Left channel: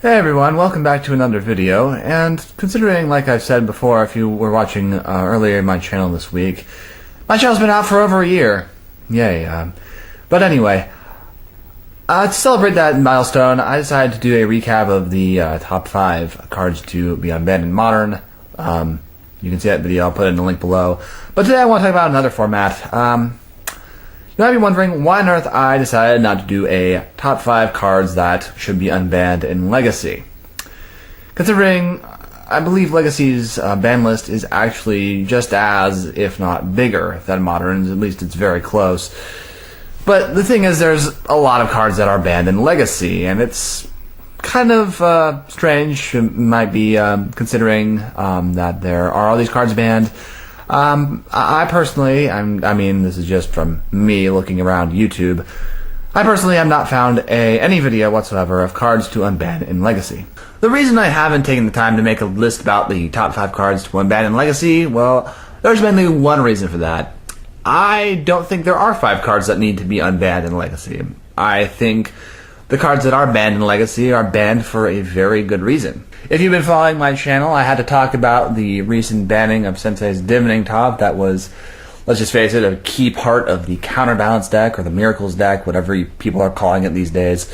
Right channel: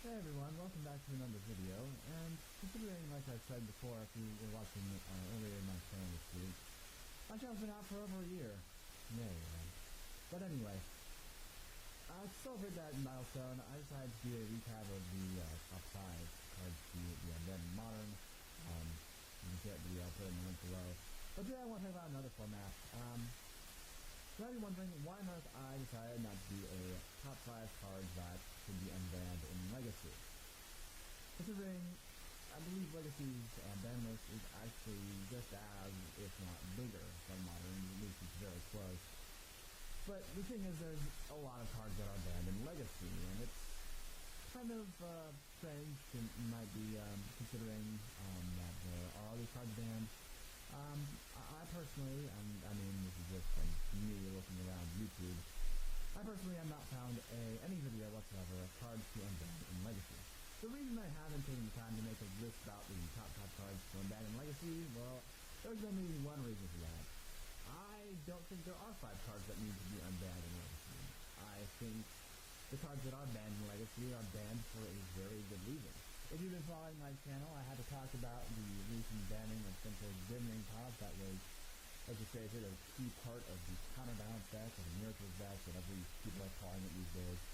Hey everyone, welcome back to another video, and considering, like I've said before, if you were watching earlier in my channel this week, my channel's been out for over a year. Yay. But anyway, to celebrate that milestone, I decided to do a recap of the top 5 cards to be unbanned in Modern. You can see that video, I'll put it in the link below. But today I want to talk about another format. You might be wondering why on earth I decided not to do a top 5 cards that should be unbanned in Legacy. Considering I believe Legacy's ban list is actually just as, if not bigger, than Modern's, at least it's very close. But the thing is, there's a lot of cards that are banned in Legacy, and it's kind of strange, you might be considering that there are all these cards banned. I personally, I mean, this is just from me looking around YouTube, I personally have not found any video whatsoever of cards to unban in Legacy. The reason I haven't taken the time to make a list about the top 5 cards to unban in Legacy, well, there's mainly one reason for that. I don't think there are 5 cards that need to be unbanned in Legacy. I think the cards that are banned in Legacy are banned for a very good reason. If you've been following my channel, I had to talk about the recent banning of Sensei's Divining Top. That was, let's just face it, a key part of the Counterbalance deck, or the Miracles deck, whatever people are calling it these days.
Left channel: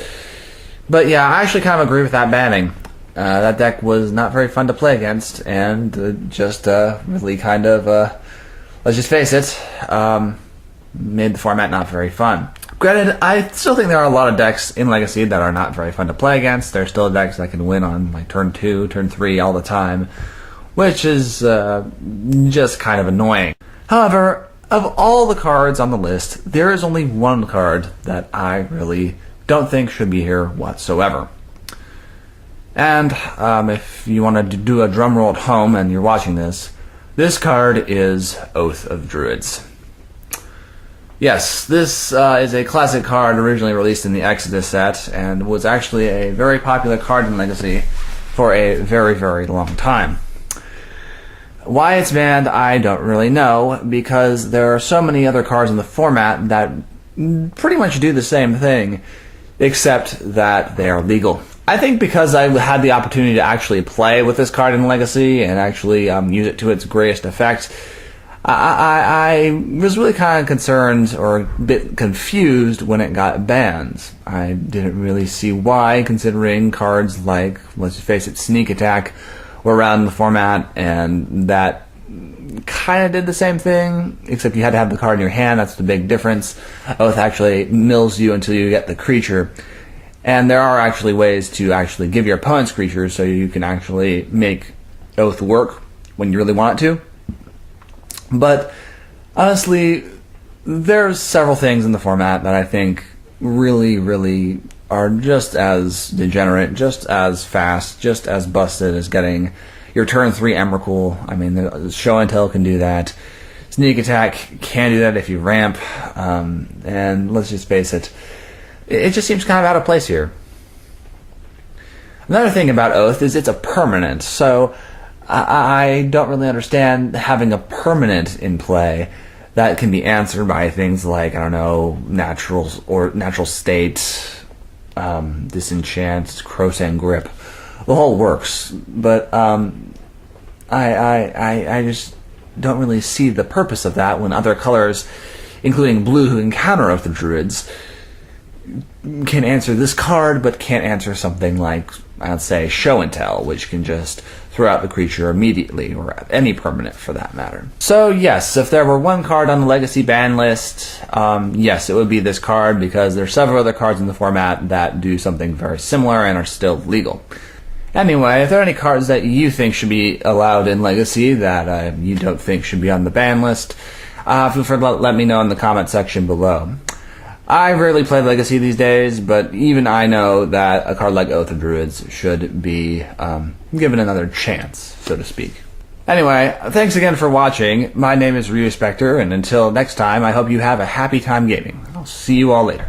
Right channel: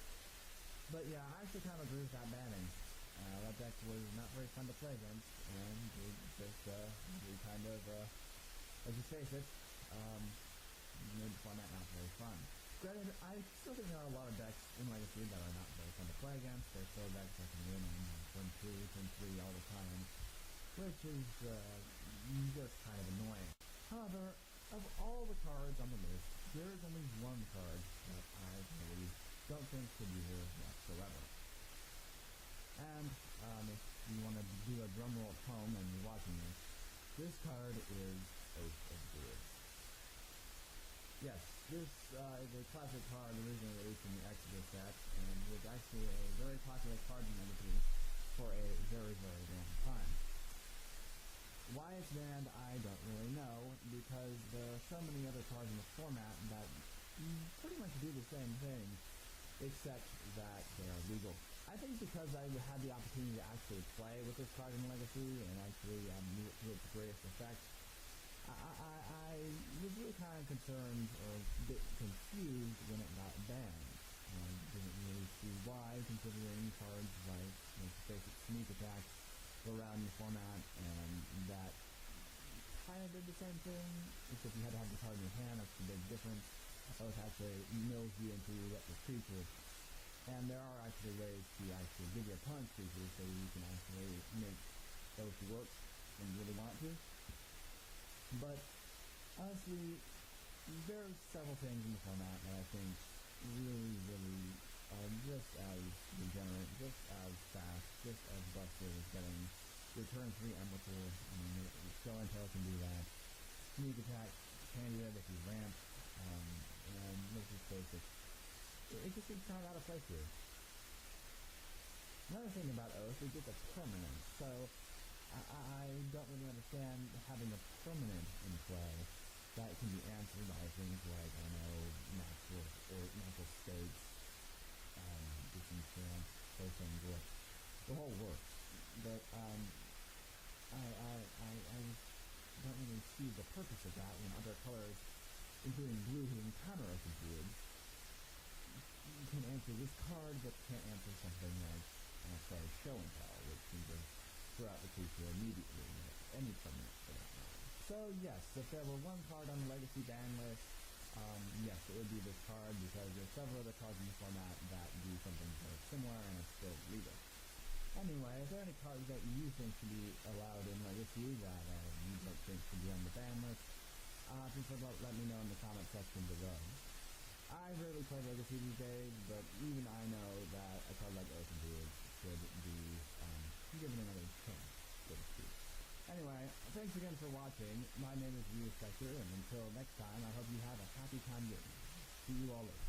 But yeah, I actually kind of agree with that banning. That deck was not very fun to play against, and just really kind of, let's just face it, made the format not very fun. Granted, I still think there are a lot of decks in Legacy that are not very fun to play against. There are still decks that can win on like turn 2, turn 3 all the time, which is just kind of annoying. However, of all the cards on the list, there is only one card that I really don't think should be here whatsoever. And if you wanted to do a drum roll at home and you're watching this card is Oath of Druids. Yes, this is a classic card originally released in the Exodus set, and was actually a very popular card in Legacy for a very, very long time. Why it's banned, I don't really know, because there are so many other cards in the format that pretty much do the same thing, except that they are legal. I think because I had the opportunity to actually play with this card in Legacy and actually use it to its greatest effect, I was really kind of concerned or a bit confused when it got banned. I didn't really see why, considering cards like, let's face it, Sneak Attack were around in the format, and that kind of did the same thing, except you had to have the card in your hand. That's the big difference. Oath actually mills you until you get the creature. And there are actually ways to actually give your opponent's creatures so you can actually make Oath work when you really want it to. But honestly, there's several things in the format that I think really, really are just as degenerate, just as fast, just as busted as getting your turn 3 Emrakul. I mean, the Show and Tell can do that. Sneak Attack can do that if you ramp. And let's just face it, it just seems kind of out of place here. Another thing about Oath is it's a permanent, so I don't really understand having a permanent in play that can be answered by things like, I don't know, natural state, disenchant, Crowsand Grip. The whole works, but I just don't really see the purpose of that when other colors, including blue, who can counter Oath of Druids, can answer this card, but can't answer something like, I'd say, Show and Tell, which can just throw out the creature immediately, or any permanent for that matter. So yes, if there were one card on the Legacy ban list, yes, it would be this card, because there are several other cards in the format that do something very similar and are still legal. Anyway, if there are any cards that you think should be allowed in Legacy that you don't think should be on the ban list, feel free to let me know in the comment section below. I rarely play Legacy these days, but even I know that a card like Oath of Druids should be given another chance, so to speak. Anyway, thanks again for watching. My name is Ryu Spectre, and until next time, I hope you have a happy time gaming. I'll see you all later.